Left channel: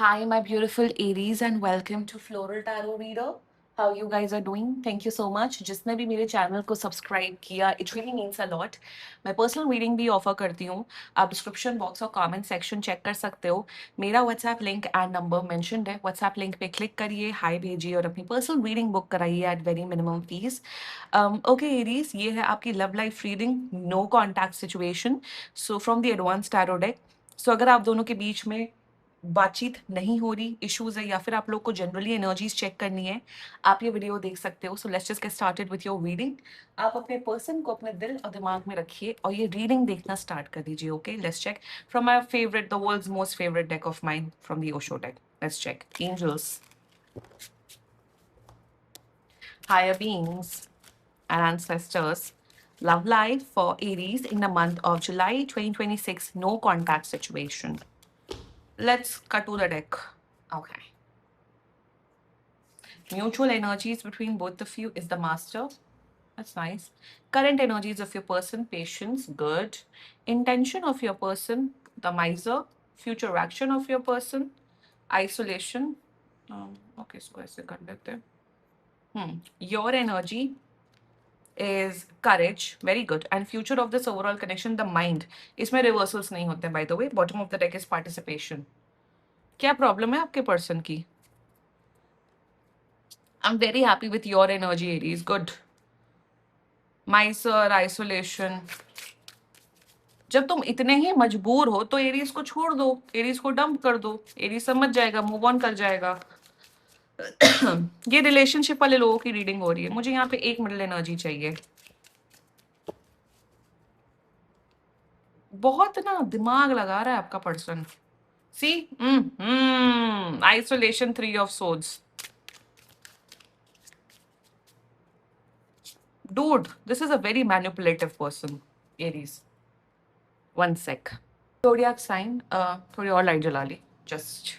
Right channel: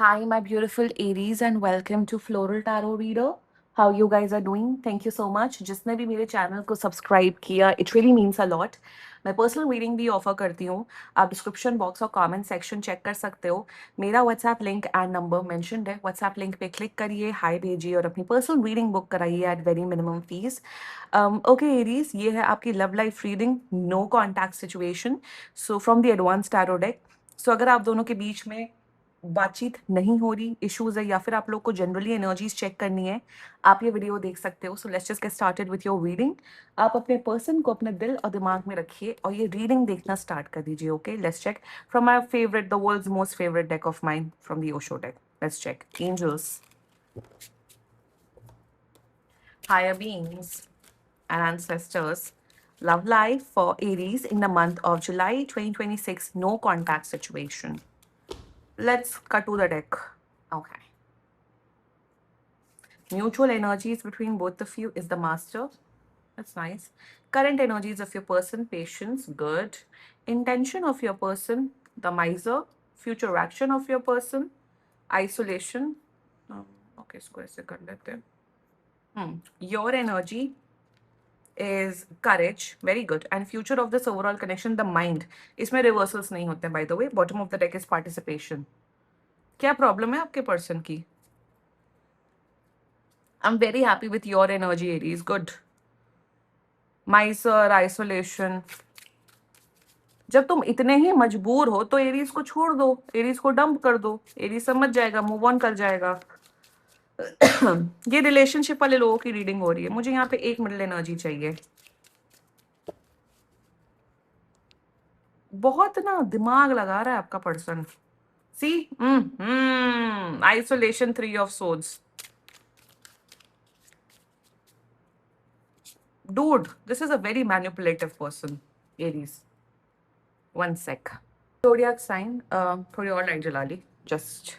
Hi, my beautiful Aries, and welcome to Floral Tarot Reader. How you guys are doing? Thank you so much. जिसने भी मेरे channel को subscribe किया, it really means a lot. मैं personal reading भी offer करती हूँ. आप डिस्क्रिप्शन बॉक्स और कमेंट सेक्शन चेक कर सकते हो. मेरा WhatsApp link and number mentioned है. व्हाट्सएप लिंक पे क्लिक करिए, हाय भेजिए और अपनी पर्सनल रीडिंग बुक कराइए at very minimum fees. Okay Aries, ये है आपकी love life reading, no contact situation. So from the advance tarot deck. So अगर आप दोनों के बीच में बातचीत नहीं हो रही, इश्यूज है, या फिर आप लोग को जनरली एनर्जीज चेक करनी है, आप ये वीडियो देख सकते हो. So let's just get started with your reading. आप अपने पर्सन को अपने दिल और दिमाग में रखिए और ये रीडिंग देखना स्टार्ट कर दीजिए. Okay, let's check from my favourite, the world's most favourite deck of mine, from the Osho deck. Let's check. Angels, higher beings and ancestors, love life for Aries in the month of July 2026, no contact situation. Let's cut to the deck. Okay. Mutual energies between both of you is the master. That's nice. Current energies of your person, patience, good. Intention of your person, the miser. Future action of your person, isolation. Okay, इसको ऐसे कर लेते हैं. Your energy is courage, very good. And future of this overall connection, the mind. इसमें reversals नहीं होते, by the way. Bottom of the deck is participation. क्या problem है आपके person की? I'm very happy with your energy, Aries. Good. Miser, isolation. जब तुम इतने ही मजबूर हो तो एरीज को छोड़ दो, एरीज को डंप कर दो. एरीज समझ जाएगा, मूव ऑन कर जाएगा. ये रिलेशनशिप वाले लोगों की रीडिंग हो रही है. मुझे यहाँ पे एक मिडल एनर्जी चाहिए. बहुत ना दिमाग लगा रहा है आपका person. See, isolation, 3 of swords. Dude, this is a very manipulative person, Aries. One sec. Zodiac sign, थोड़ी और लाइट जला ली. Just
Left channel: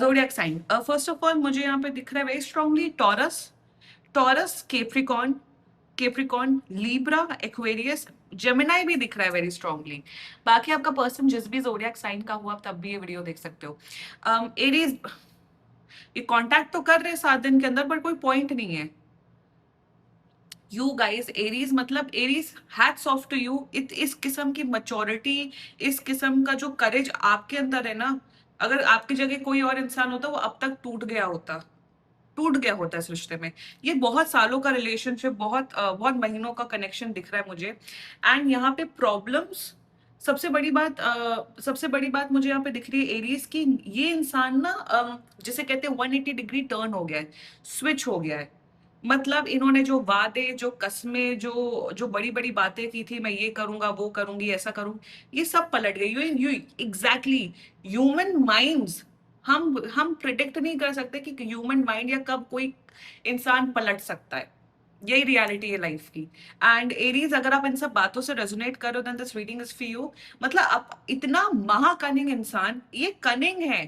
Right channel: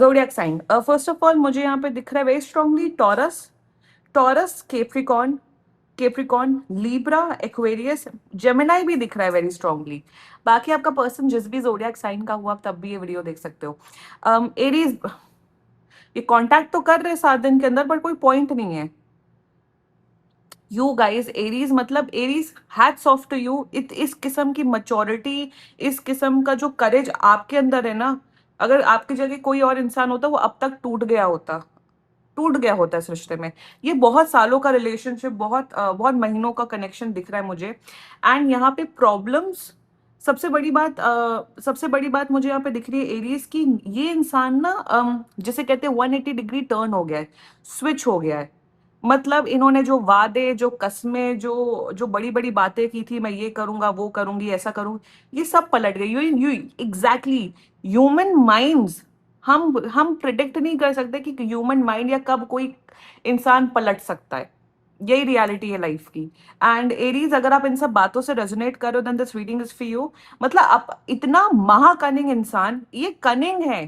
zodiac sign. First of all, मुझे यहाँ पे दिख रहा है very strongly Taurus, Capricorn, Libra, Aquarius, Gemini भी दिख रहा है very strongly. बाकी आपका पर्सन जिस भी zodiac sign का हुआ, तब भी ये वीडियो देख सकते हो. Aries, ये कांटेक्ट तो कर रहे 7 दिन के अंदर, पर कोई पॉइंट नहीं है. यू गाइज, एरीज मतलब Aries, hats off to you. इस किस्म की मैच्योरिटी, इस किस्म का जो करेज आपके अंदर है ना, अगर आपकी जगह कोई और इंसान होता वो अब तक टूट गया होता इस रिश्ते में. ये बहुत सालों का रिलेशनशिप, बहुत महीनों का कनेक्शन दिख रहा है मुझे. एंड यहाँ पे प्रॉब्लम्स, सबसे बड़ी बात मुझे यहाँ पे दिख रही है एरीज की. ये इंसान ना, जिसे कहते हैं 180 डिग्री टर्न हो गया है, स्विच हो गया है. मतलब इन्होंने जो वादे, जो कस्में, जो जो बड़ी बड़ी बातें की थी, मैं ये करूंगा, वो करूंगी, ऐसा करूंगी, ये सब पलट गई. You exactly. ह्यूमन माइंड्स, हम प्रिडिक्ट नहीं कर सकते कि ह्यूमन माइंड या कब कोई इंसान पलट सकता है. यही रियलिटी है लाइफ की. एंड एरीज, अगर आप इन सब बातों से रेजोनेट करो, then this reading is for you. मतलब आप इतना महाकनिंग इंसान, ये कनिंग है.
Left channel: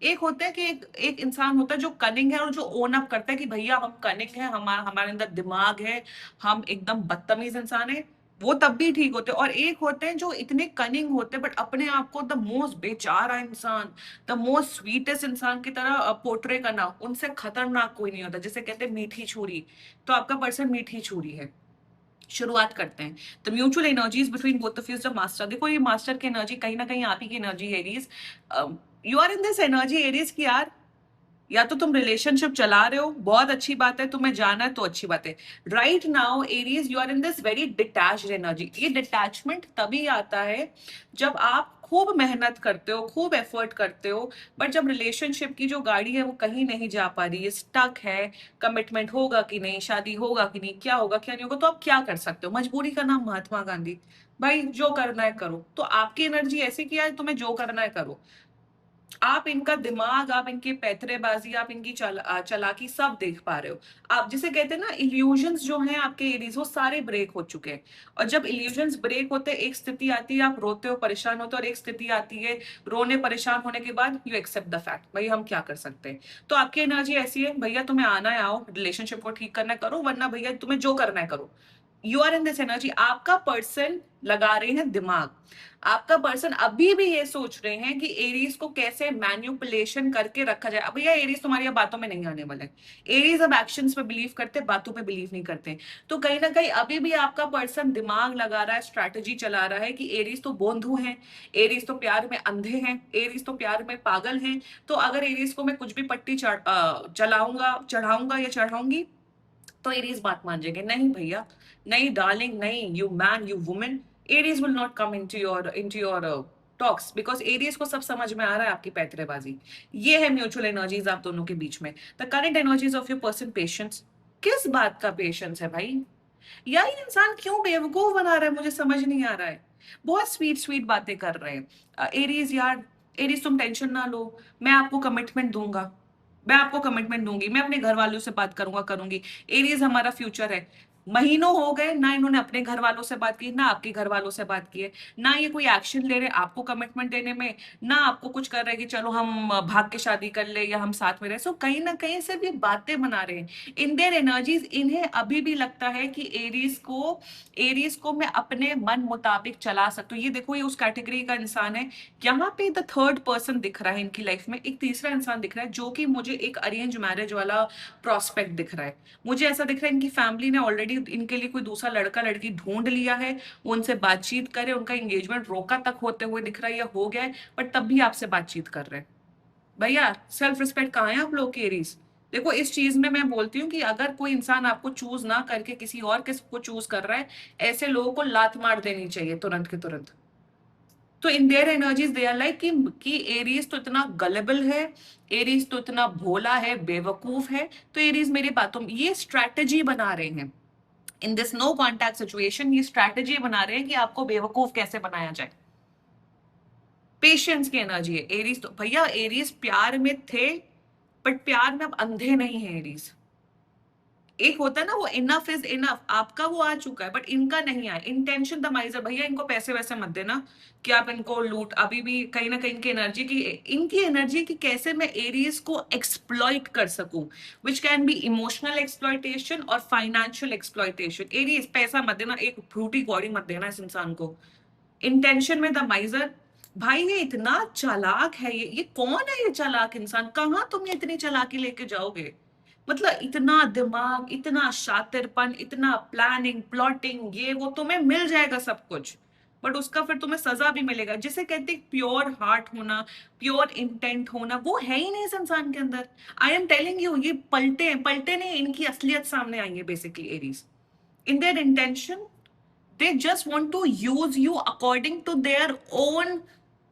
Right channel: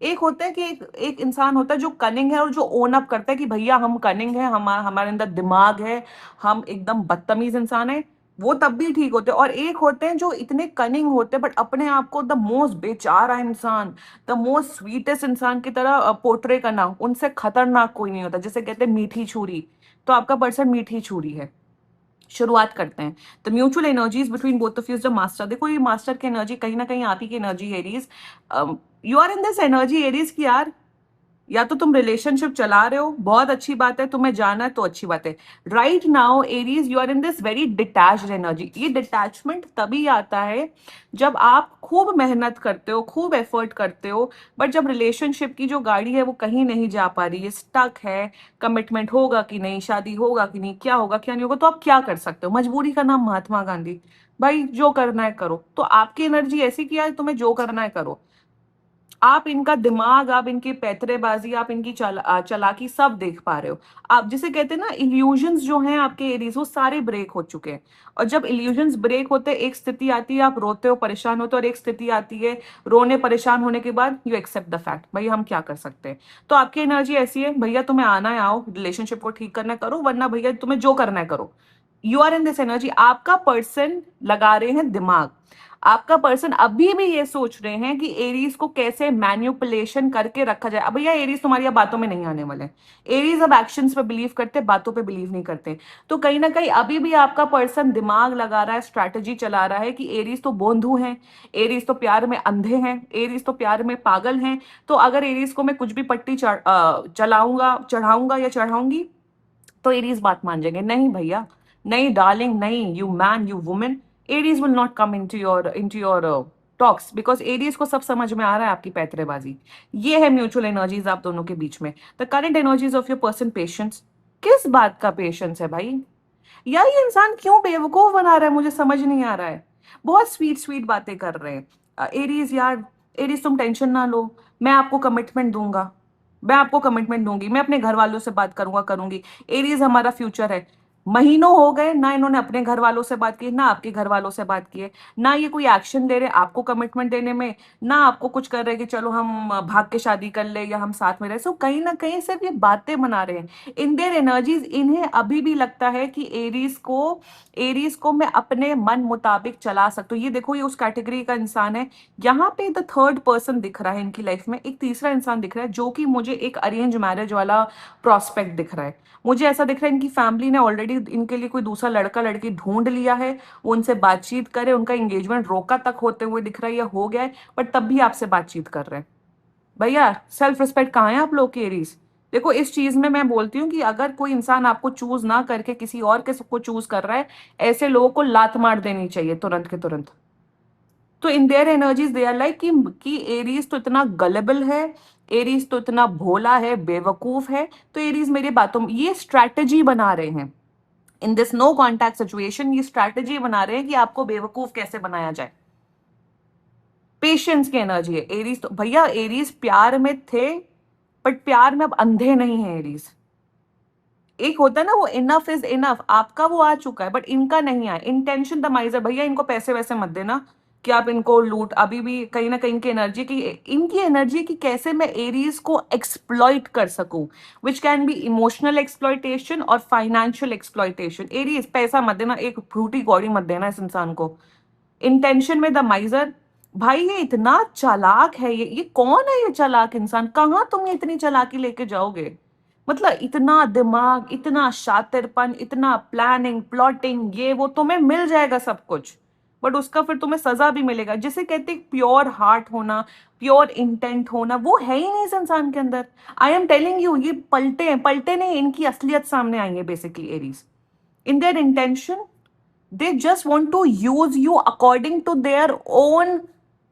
एक होता है कि एक इंसान होता है जो कनिंग है और जो ओन अप करता है कि भैया हम कनिंग है, हमारे अंदर दिमाग है, हम एकदम बदतमीज इंसान है. वो तब भी ठीक होते हैं. और एक होते हैं जो इतने कनिंग होते हैं बट अपने आप को द मोस्ट बेचारा इंसान, द मोस्ट स्वीटेस्ट इंसान की तरह पोर्ट्रे करना. उनसे खतरनाक कोई नहीं होता. जैसे कहते हैं मीठी छुरी, तो आपका पर्सन मीठी छुरी है. शुरुआत करते हैं. The mutual energies between both of you is the master. देखो, ये मास्टर की एनर्जी कहीं ना कहीं आप ही की energy Aries. You are in this energy Aries की यार. या तो तुम रिलेशनशिप चला रहे हो, बहुत अच्छी बात है, तुम्हें जाना है तो अच्छी बात है. Right now Aries, you are in this very detached energy. ये डिटैचमेंट तभी आता है जब आप खूब मेहनत करते हो, खूब एफर्ट करते हो, बट जब रिलेशनशिप की जो गाड़ी है वो कहीं नहीं जा पा रही है, स्टक है. कमिटमेंट होगा कि नहीं, शादी होगा कि नहीं, क्या होगा क्या नहीं होगा, तो आप क्या कर सकते हो. मजबूरी का नाम महात्मा गांधी. भाई जो करना है करो. तो आपकी एनर्जी ऐसी किया है, तुम्हें जो करना है करो. आप इनका दिमाग, आप इनकी पैतरेबाजी, आप इनकी चालाकी सब देख पा रहे हो. आप जिसे कहते हैं ना, इल्यूजन्स जो हैं आपके एरीज, वो सारे ब्रेक हो चुके हैं. और जब इल्यूजन्स ब्रेक होते हैं, एक स्थिति आती है आप रोते हो, परेशान होते हो, और एक स्थिति आती है रोने परेशान होने के बाद यू एक्सेप्ट द फैक्ट, भैया हम क्या कर सकते हैं. तो आपकी एनर्जी ऐसी है, भैया तुम्हें आना है आओ, रिलेशनशिप को ठीक करना है करो, वरना भैया तुम्हें जो करना है करो. You are in this energy. आपका पर्सन लगा रहे हैं दिमाग, आपका पर्सन अभी भी ये सोच रहे हैं कि एरीज को कैसे मैन्युपुलेशन करके रखा जाए। अब भैया एरीज तुम्हारी अब बातों में नहीं आने वाले, एरीज अब एक्शंस पे बिलीव करते, बातों पे बिलीव नहीं करते। तो कहीं ना कहीं अभी भी आपका पर्सन दिमाग लगा रहा है, स्ट्रैटेजी चला रहा है कि एरीज तो बोंधू हैं, एरीज तो प्यार में अंधे हैं, एरीज तो प्यार में पागल हैं, तो अगर एरीज को मैं कुछ भी पट्टी चलाऊंगा, चढ़ाऊंगा या चढ़ाऊंगी तो एरीज बात मान जाएंगे। नहीं भैया, नहीं डार्लिंग, नहीं you man, you women, Aries will not come into your talks, because Aries को सब समझ में आ रहा है आपकी पैतरेबाजी। ये है म्यूचुअल एनर्जीज आप दोनों के बीच में। The current energies of your person patience. किस बात का पेशेंस है भाई? या ये इंसान क्यों बेवकूफ बना रहा है, मुझे समझ नहीं आ रहा है। बहुत स्वीट स्वीट बातें कर रहे हैं एरीज यार। एरीज तुम टेंशन ना लो, मैं आपको कमिटमेंट दूंगा, मैं आपको कमिटमेंट दूंगी, मैं अपने घर वालों से बात करूंगा, करूंगी। एरीज हमारा फ्यूचर है। महीनों हो गए ना इन्होंने अपने घर वालों से बात की, ना आपके घर वालों से बात की है, ना ये कोई एक्शन ले रहे आपको कमिटमेंट देने में, ना आपको कुछ कर रहे कि चलो हम भाग के शादी कर ले या हम साथ में रहे। सो कहीं ना कहीं सिर्फ ये बातें बना रहे हैं इन देयर एनर्जीज। इन्हें अभी भी लगता है कि एरीज को मैं अपने मन मुताबिक चला सकता हूँ। ये देखो, ये उस कैटेगरी का इंसान है। यहाँ पे द थर्ड पर्सन दिख रहा है इनकी लाइफ में, एक तीसरा इंसान दिख रहा है जो कि मुझे एक अरेंज मैरिज वाला प्रोस्पेक्ट दिख रहा है। मुझे ऐसा दिख रहा है इनकी फैमिली ने ऑलरेडी इनके लिए कोई दूसरा लड़का लड़की ढूंढ लिया है, वो उनसे बातचीत करे, उनका एंगेजमेंट रोका तक होते हुए दिख रहा है या हो गया है, बट तब भी आपसे बातचीत कर रहे हैं। भैया सेल्फ रिस्पेक्ट कहाँ है आप लोग के एरीज? देखो, इस चीज में मैं बोलती हूँ कि अगर कोई इंसान आपको चूज ना करके किसी और के को चूज कर रहा है, ऐसे लोगों को लात मार देनी चाहिए तुरंत के तुरंत। तो in their energies they are like कि एरीज तो इतना गलेबल है, एरीज तो इतना भोला है, बेवकूफ है, तो एरीज मेरी बातों में ये स्ट्रैटेजी बना रहे हैं। In this no contact situation ये स्ट्रैटेजी बना रहे हैं कि आपको बेवकूफ कैसे बनाया जाए। पेशेंस की एनर्जी है एरीज। तो भैया एरीज प्यार में थे, बट प्यार में अब अंधे नहीं है एरीज। एक होता है ना वो इनफ इज इनफ, आपका वो आ चुका है, बट इनका नहीं आया। Intention the माइजर। भैया इनको पैसे वैसे मत देना कि आप इनको लूट। अभी भी कहीं ना कहीं इनकी एनर्जी की कैसे मैं एरीज को एक्सप्लॉइट कर सकूं, which can be emotional exploitation और फाइनेंशियल एक्सप्लॉइटेशन। एरीज पैसा मत देना, एक फ्रूटी कौड़ी मत देना इस इंसान को। इंटेंशन में द माइजर। भाई ये इतना चालाक है, ये कौन है ये चालाक इंसान? कहाँ तुम ये इतनी चालाकी लेके जाओगे? मतलब इतना दिमाग, इतना शातिरपन, इतना प्लानिंग, प्लॉटिंग, ये वो तुम्हें मिल जाएगा सब कुछ, बट उसका फिर तुम्हें सजा भी मिलेगा। जिसे कहते हैं प्योर हार्ट होना, प्योर इंटेंट होना, वो है ही नहीं इस इंसान के अंदर। आई एम टेलिंग यू, ये पलटे हैं, पलटे नहीं, इनकी असलियत सामने आएंगे basically Aries. In their intention they just want to use you according to their own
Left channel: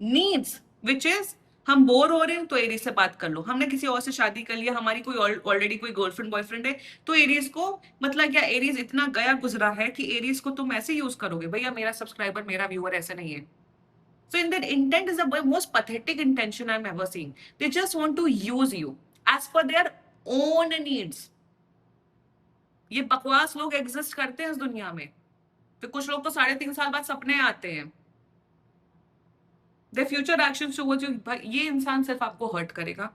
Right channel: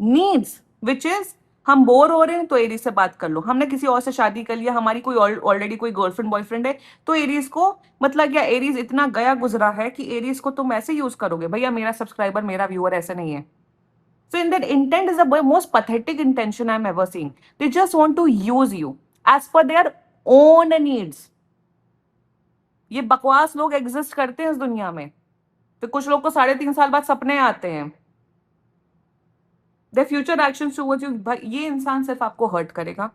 needs, which is हम बोर हो रहे हैं तो एरीज से बात कर लो, हमने किसी और से शादी कर लिया, हमारी कोई ऑलरेडी कोई गर्लफ्रेंड बॉयफ्रेंड है, तो एरीज को मतलब क्या, एरीज इतना गया गुजरा है कि एरीज को तुम ऐसे यूज करोगे? भैया मेरा सब्सक्राइबर, मेरा व्यूअर ऐसा नहीं है। So in that intent is the most pathetic intention I'm ever seen. They just want to use you as per their own needs. ये बकवास लोग एग्जिस्ट करते हैं इस दुनिया में। फिर कुछ लोग को 3.5 साल बाद सपने आते हैं। The future action towards you, ये इंसान सिर्फ आपको हर्ट करेगा।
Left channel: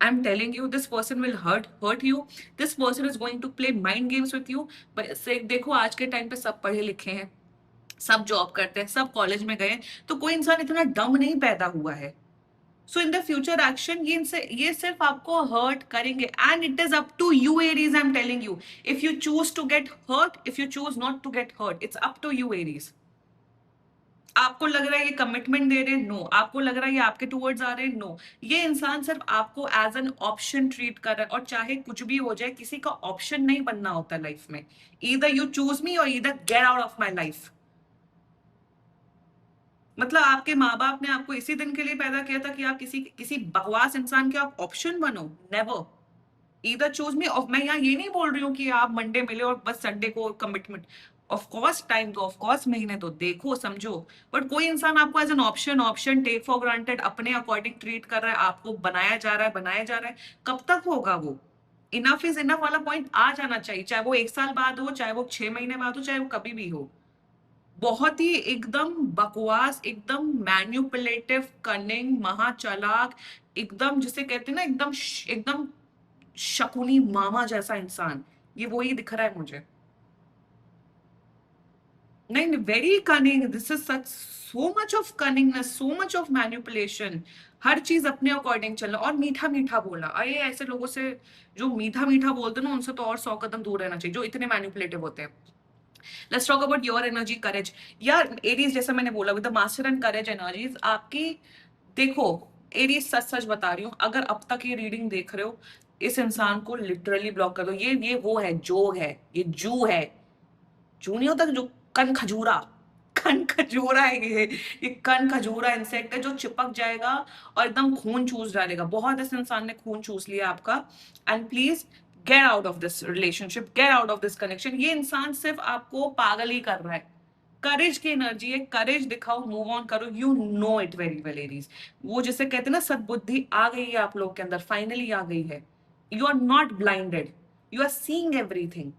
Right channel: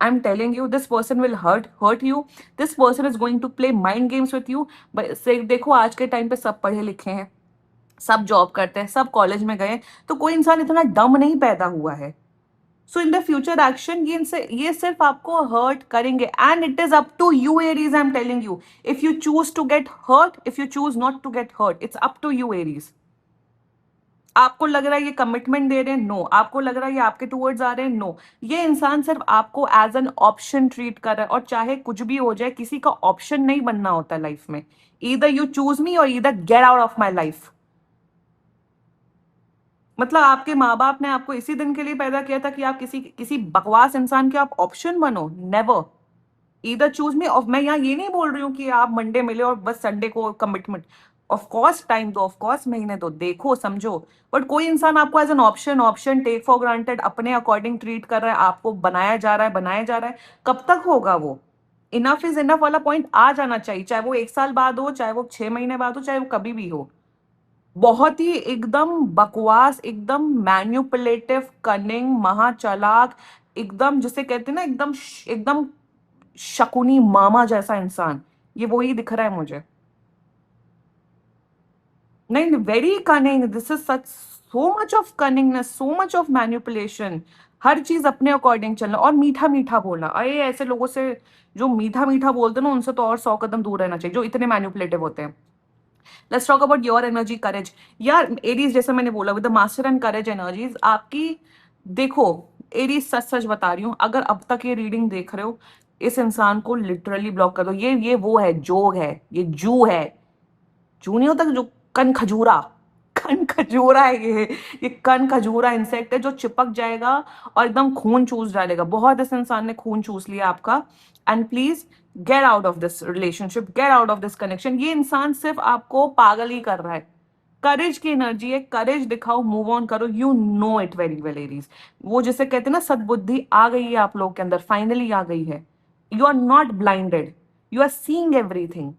I am telling you, this person will hurt you. This person is going to play mind games with you. देखो आज के टाइम पे सब पढ़े लिखे हैं, सब जॉब करते हैं, सब कॉलेज में गए, तो कोई इंसान इतना डम नहीं पैदा हुआ है। So in the future action ये सिर्फ आपको हर्ट करेंगे, and it is up to you Aries. I am telling you, if you choose to get hurt, if you choose not to get hurt, it's up to you Aries. आपको लग रहा है ये commitment दे रहे हैं, no. आपको लग रहा है ये आपके टूवर्ड्स आ रहे हैं, नो। ये इंसान सिर्फ आपको एज एन ऑप्शन ट्रीट कर रहा है, और चाहे कुछ भी हो जाए, किसी का ऑप्शन नहीं बनना होता लाइफ में। ईदर यू चूज मी और either get out of my life. मतलब आपके माँ बाप ने आपको इसी दिन के लिए पैदा किया था कि आप किसी किसी बकवास इंसान के आप ऑप्शन बनो? नेवर। ईदर चूज मी। और मैं यहाँ ये नहीं बोल रही हूँ कि आप मंडे मिले और बस संडे को कमिटमेंट। ऑफ कोर्स टाइम दो, ऑफ कोर्स महीने दो, देखो समझो, बट कोई इंसान आपको as an option take for granted अपने अकॉर्डिंग ट्रीट कर रहा है, आपको बनाया जा रहा है, बनाया जा रहा है। कब तक होगा वो? इनफ इज इनफ वाला पॉइंट आ जाना चाहिए, चाहे वो 1 साल बाद हो, चाहे वो 6 महीने बाद हो, चाहे वो कभी भी हो। बहुत ही एकदम बकवास, एकदम मैन्युपुलेटिव, कनिंग, महाचालाक, एकदम जिसे कहते हैं ना, एकदम शकुनी मामा जैसा इंसान, ये वही दिख रहा है मुझे। नहीं, नहीं, very cunning, this is such, so much of cunningness, so much of manipulation, हर चीज अपने अकॉर्डिंग चलना और मीठा मीठा बोलना। अरे ऐसे लोगों से जो मीठा मीठा बोलते हैं ना, उनसे तो और 100 कदम दूर रहना चाहिए, जो इतने मैनिपुलेटिव होते हैं। Let's talk about your energy, courage. यार एरीज, जैसे मैंने बोला, with the master and courage energies आपकी, देखो एरीज, सच सच बता रही हूँ, अगर अब तक ये रीडिंग देख रहे हो, इस इंसान को लिटरली ब्लॉक कर दो। ये वो है, जोग है, ये जू है। जू नहीं होता जो कन खजूरा, कन खजूरा है ये कन खजूरा इंसेक्ट है जो चिपक जाएगा और एकदम खून चूस डालेगा। बहुत इस इंसान ने खून चूस लिया आपका। And please get out of this relationship, get out of this connection. ये इंसान सिर्फ आपको पागल ही कर रहा है। करेज की एनर्जी है, करेज दिखाओ, मूव ऑन करो, you know it very well Aries. वो जिसे कहते हैं ना, सद्बुद्धि आ गई है आप लोगों के अंदर, फाइनली आ गई है। You are not blinded, you are seeing everything.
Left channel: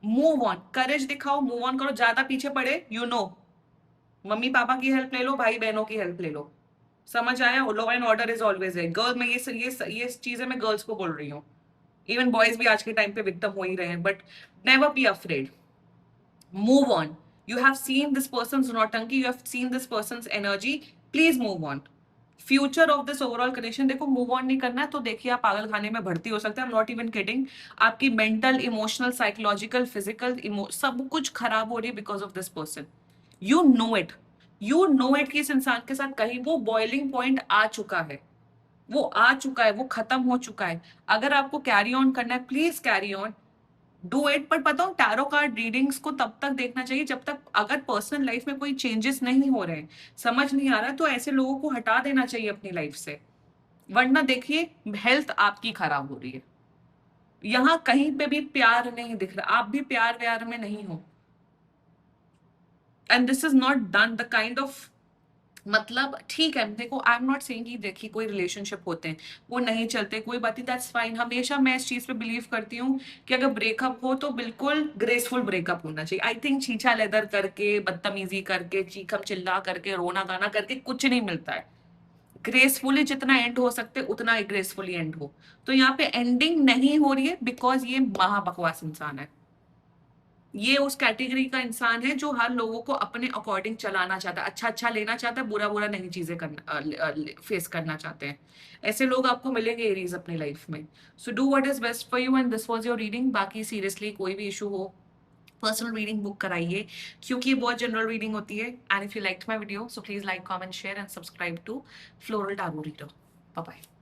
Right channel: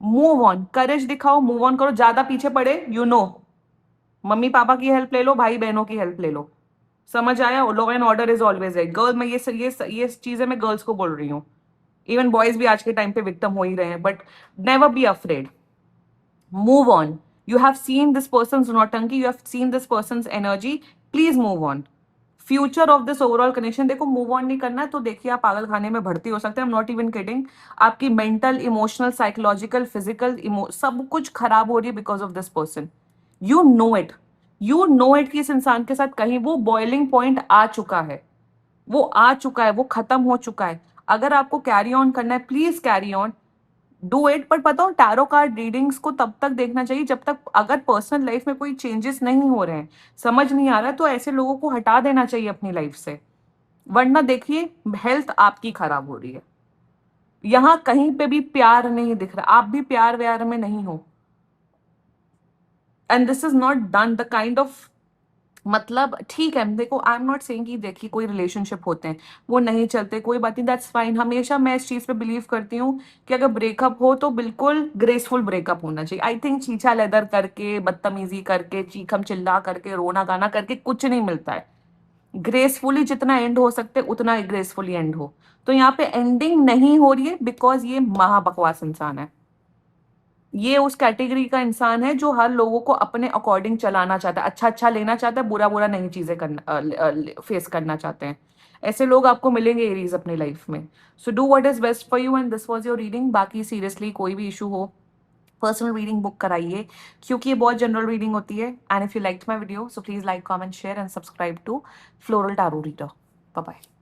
Move on, courage दिखाओ, मूव ऑन करो, ज्यादा पीछे पड़े, यू नो, मम्मी पापा की हेल्प ले लो, भाई बहनों की हेल्प ले लो। समझ आया? Law and order is always right. Girl, मैं ये चीजें मैं गर्ल्स को बोल रही हूँ। इवन बॉयज भी आज के टाइम पे विक्टिम हो ही रहे हैं, but never be afraid. Move on, you have seen this person नौटंकी, you have seen this person energy, please move on. Future of this overall connection, देखो मूव ऑन नहीं करना है तो देखिए आप पागल खाने में भर्ती हो सकते हैं। I am not even kidding. आपकी मेंटल, इमोशनल, साइकोलॉजिकल, फिजिकल, सब कुछ खराब हो रही है because of this person. You know it, you know it कि इस इंसान के साथ कहीं वो बॉइलिंग पॉइंट आ चुका है, वो आ चुका है, वो खत्म हो चुका है। अगर आपको कैरी ऑन करना है, please carry on, do it. पर पता हो, टैरो कार्ड रीडिंग्स को तब तक देखना चाहिए जब तक, अगर पर्सनल लाइफ में कोई चेंजेस नहीं हो रहे हैं, समझ नहीं आ रहा है, तो ऐसे लोगों को हटा देना चाहिए अपनी लाइफ से। वरना देखिए हेल्थ आपकी खराब हो रही है। यहां कहीं पे भी प्यार नहीं दिख रहा, आप भी प्यार व्यार में नहीं हो। And this is not done the kind of, मतलब ठीक है, देखो आई एम नॉट सेइंग कि देखिए कोई रिलेशनशिप होते हैं वो नहीं चलते, कोई बात नहीं, दैट्स फाइन। हमेशा मैं इस चीज पे बिलीव करती हूँ कि अगर ब्रेकअप हो तो बिल्कुल ग्रेसफुल ब्रेकअप होना चाहिए। आई थिंक छीछा लेदर करके, बदतमीजी करके, चीखम चिल्ला करके, रोना गाना करके कुछ नहीं मिलता है। ग्रेसफुली जितना एंड हो सकते उतना ग्रेसफुली एंड हो। तो यहाँ पे एंडिंग नहीं हो रही है बिकॉज ये महाबकवास इंसान है। ये उस कैटेगरी का इंसान है जो हर लोगों को अपने अकॉर्डिंग चलाना चाहता है, अच्छा अच्छा लेना चाहता है, बुरा बुरा नहीं चीजें करना, फेस करना चाहते हैं। ऐसे लोग आपको मिलेंगे एरीज अपनी लाइफ में। So do what is best for you and this was your reading. बाकी सीरियसली कोई भी इशू हो, पर्सनल रीडिंग बुक कराइए, क्योंकि ये बहुत जनरल रीडिंग होती है। And if you like my video, so please like, comment, share and subscribe to floral tarot reader. Bye bye.